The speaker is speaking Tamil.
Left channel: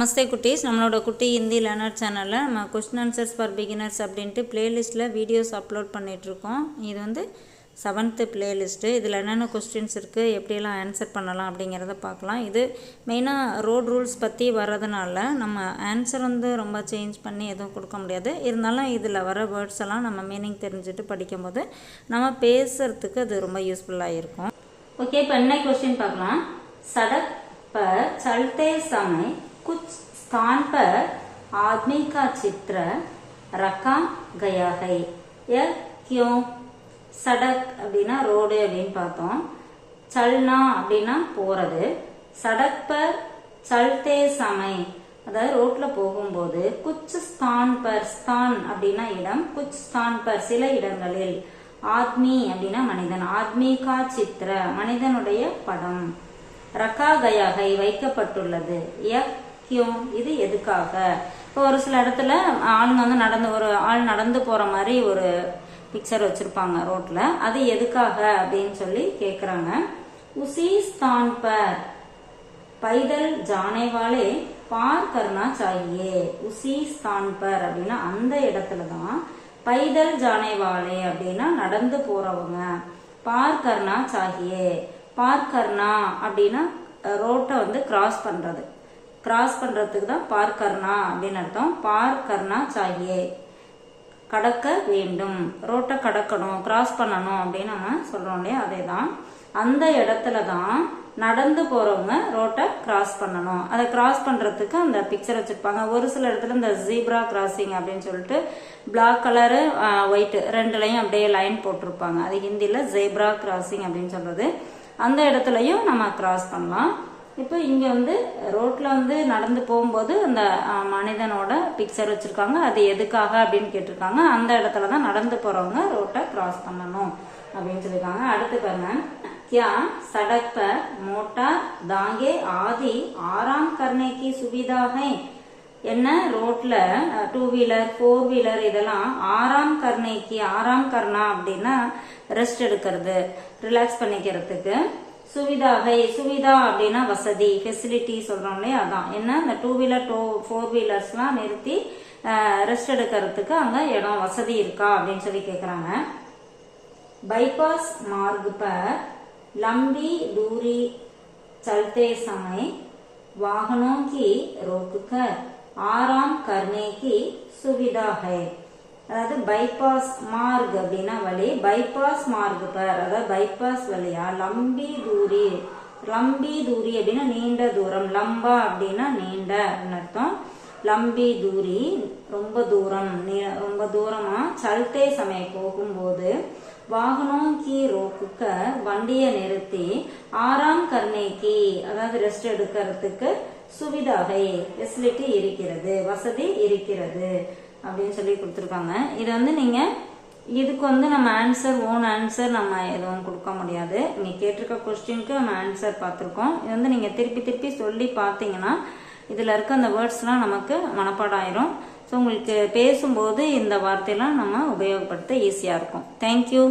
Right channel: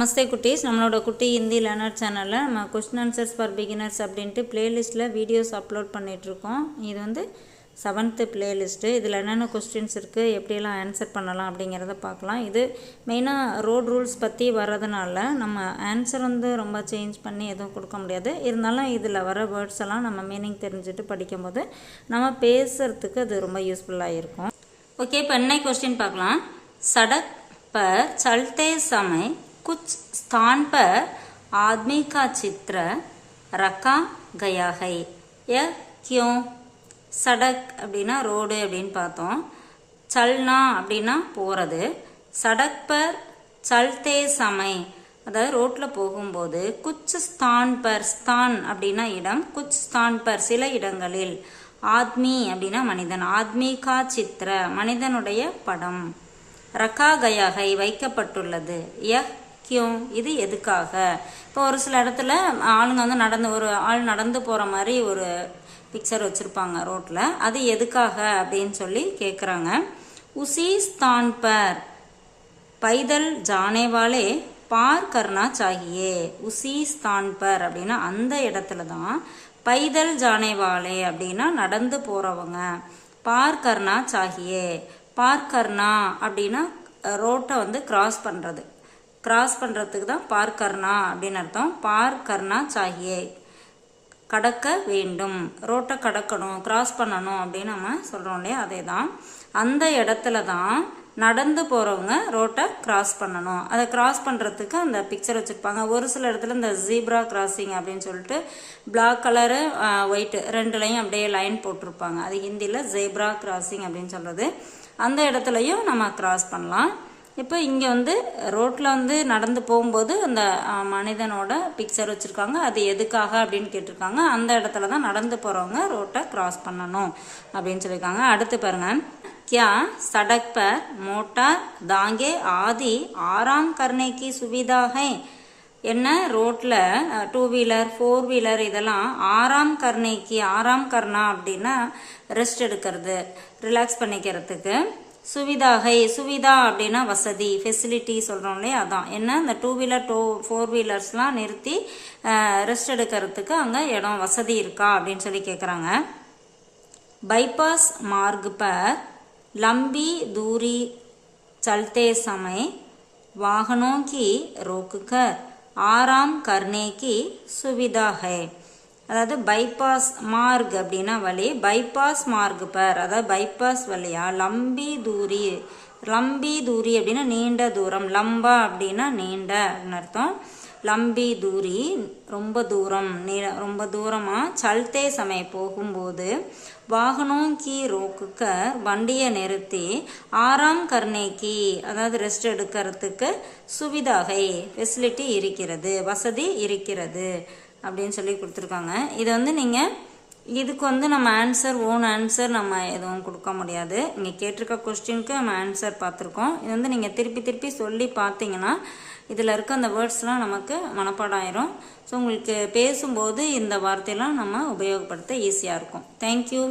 நமஸ்தே குட்டீஸ். நம்மளோட குட்டி ஹிந்தி லேனர் சேனலில் நம்ம கொஸ்டின் ஆன்சர்ஸ் ஃபார் பிகினர்ஸ் அப்படின்ட்டு பிளேலிஸ்ட்டில் வீடியோஸ் அப்லோட் பண்ணிகிட்ருக்கோம் இது வந்து செவன்த்து பிளேலிஸ்ட்டு இதில் என்னென்ன கொஸ்டின்ஸ் இருக்குது எப்படியெல்லாம் ஆன்சர் பண்ணலாம் அப்படிங்கிறத பார்க்கலாம். இது மெயினாக ரோட் ரூல்ஸ் பற்றி வர்றதுனால நம்ம ஆன்சர் வந்து ரொம்ப சேஞ்ச் பண்ணி எதுவும் கொடுக்க முடியாது. இருந்தாலும் இதில் வர வேர்ட்ஸ் எல்லாம் நம்ம மீனிங் தெரிஞ்சுட்டு படிக்கும்போது நம்ம பேசுகிறதுக்கு அது ரொம்ப யூஸ்ஃபுல்லாக இருக்கும். ஓகே இப்போ என்ன கொஸ்டின் பார்க்கலாம்? சடக் சல்தே சமை कुछ स्थान पर आदमी का चित्र रखा गया है यह क्यों சடக் அப்படின்னா ரோடு அப்படின்னு பார்த்தோம் சல்னா அப்படின்னா போகிறது சடக் பர் சல்தே சமை அதாவது ரோட்டில் போகும்போது குச் ஸ்தான் பர் ஸ்தான் அப்படின்னா இடம் குச் ஸ்தான் பர் சில இடங்களில் ஆத்மி அப்படின்னா மனிதன் ஆத்மி கா சித்திர மனிதனுடைய படம் ரக்கா கயாகை வைக்கப்பட்டுள்ளது யக் முக்கியம் இது எதுக்காக? இப்போ ஒரு சில இடத்துல ஆளுங்க வந்து நடந்து ஒரு ஆள் நடந்து போகிற மாதிரி ஒரு பிக்சர் வச்சுருப்பாங்க ரோட்டில் அது எதுக்காக அப்படின்னு சொல்லி கேட்குறாங்க உசி ஸ்தான் பர். பைதல் ஜானேவாலே பார் கர்ணா சாகியே. உசிஸ்தான்பர் பர் அப்படின்னா அந்த இடத்துல தான் பைதல் ஜானேவாலே அப்படின்னா நடந்து போகிறவங்க பார் கர்ணா சாகியே. பார் கர்ணா அப்படின்னா ரோட்டை வந்து கிராஸ் பண்ணுறது கிராஸ் பண்ணுறதுக்கு தான் பார் கர்ணா அப்படின்னு அர்த்தம். பார் கர்ணா சாகியே கடக்க வேண்டும். ரோட்டை கடக்கணும் கிராஸ் பண்ணணும் அப்படின்னு நம்ம சொல்கிறோம் இல்லையா? அதே தான் அந்த இடத்துல தான் நடந்து போகிறவங்க ரோட்டை கிராஸ் பண்ணணும். அதை கிராஸ் பண்ணுறதுக்கு அந்த பிக்சர் வச்சுருப்பாங்க. ஒரு சில இடத்துல இந்த ஜீப்ரா கிராசிங் அப்படின்னு சொல்லிட்டு பிளாக் கலரு ஒயிட்டு ரெண்டுலையும் அப்படியே லைன் போட்டிருப்பாங்க. அது ஹிந்தியில் ஜீப்ரா கிராசிங் அப்படின்னு சொல்கிறது அந்த இடத்துலையும் நம்ம கிராஸ் பண்ணலாம். இப்போ இங்கே வந்து ரோட்டில் வந்து நடந்து போகும்போது அந்த மனிதனோட பிக்சர் வச்சுருக்காங்க அது எதுக்காக அப்படின்னு கேட்டிருக்காங்க அந்த இடத்துல தான் நடந்து போகிறவங்க ரோட்டை கிராஸ் பண்ணணும் அப்படின்னு சொல்லியிருக்காங்க அடுத்து பாருங்க क्या सड़क पर मोटर दांगे आदि आराम करने की सुविधा है என்ன ரோட்டில் டூ வீலர் ஃபோர் வீலர் இதெல்லாம் ஆறாம் கர்ணைக்கு ஆறாம் கர்ணா அப்படின்னா ரெஸ்ட் எடுக்கிறது ரிலாக்ஸ் பண்ணிக்கிறதுக்கு சுவிதாகை சுவிதா அப்படின்னா வசதி ஃபெசிலிட்டி சொல்கிறோம் இல்லையா அதான் என்ன இந்த டூ வீலர் டூ ஃபோர் வீலர்ஸ்லாம் நிறுத்தி ரெஸ்ட் எடுக்கிறதுக்கு அங்கே இடம் வசதி இருக்கா அப்படின்னு சொல்லி கேட்குறாங்க बाईपास मार्ग पर लंबी दूरी चलते समय वाहनों की रोककर आराम करने की सुविधा है அதாவது பைபாஸ் மார்க் அப்படின்னா வழி பைபாஸ் மார்க் பர். அதாவது பைபாஸ் வழியா லம்பி தூரி. லம்பி தூரி அப்படின்னா நீண்ட தூரம். லம்பா அப்படின்னா நீண்ட அப்படின்னு அர்த்தம். லம்பி தூரி ரொம்ப தூரம். நீ ரொம்ப தூரமாக சல்தே சமயம் போகும்போது வாகனம் கீ ரோக்குக்க வண்டியை நிறுத்தி ஆறாம் கர்ணேக்கி அதாவது ரெஸ்ட் எடுக்கிறதுக்கு சுவிதாகை ஃபெசிலிட்டி இருக்கிறது வசதி இருக்கிறது. அப்படின்னு சொல்லி கொடுத்துருக்காங்க. இதை வந்து நீங்கள் இதுக்கு வந்து நம்ம ஆன்சர் ஓன் ஆன்சர் நம்ம எதுவும் கொடுக்க முடியாது. நீங்கள் கேட்டிருக்க கொஸ்டினுக்கு நம்ம ஆன்சர் பார்த்துருக்கோம். இது வந்து நீங்கள் திருப்பி திருப்பி சொல்லி பார்த்தீங்கன்னா இதில் இருக்க அந்த வேர்ட்ஸ்லாம் நமக்கு மனப்பாடம் ஆயிரும் ஸோ உங்களுக்கு பேசும்போது இந்த வார்த்தையெல்லாம் நம்ம உபயோகப்படுத்த ஈஸியாக இருக்கும். தேங்க்யூ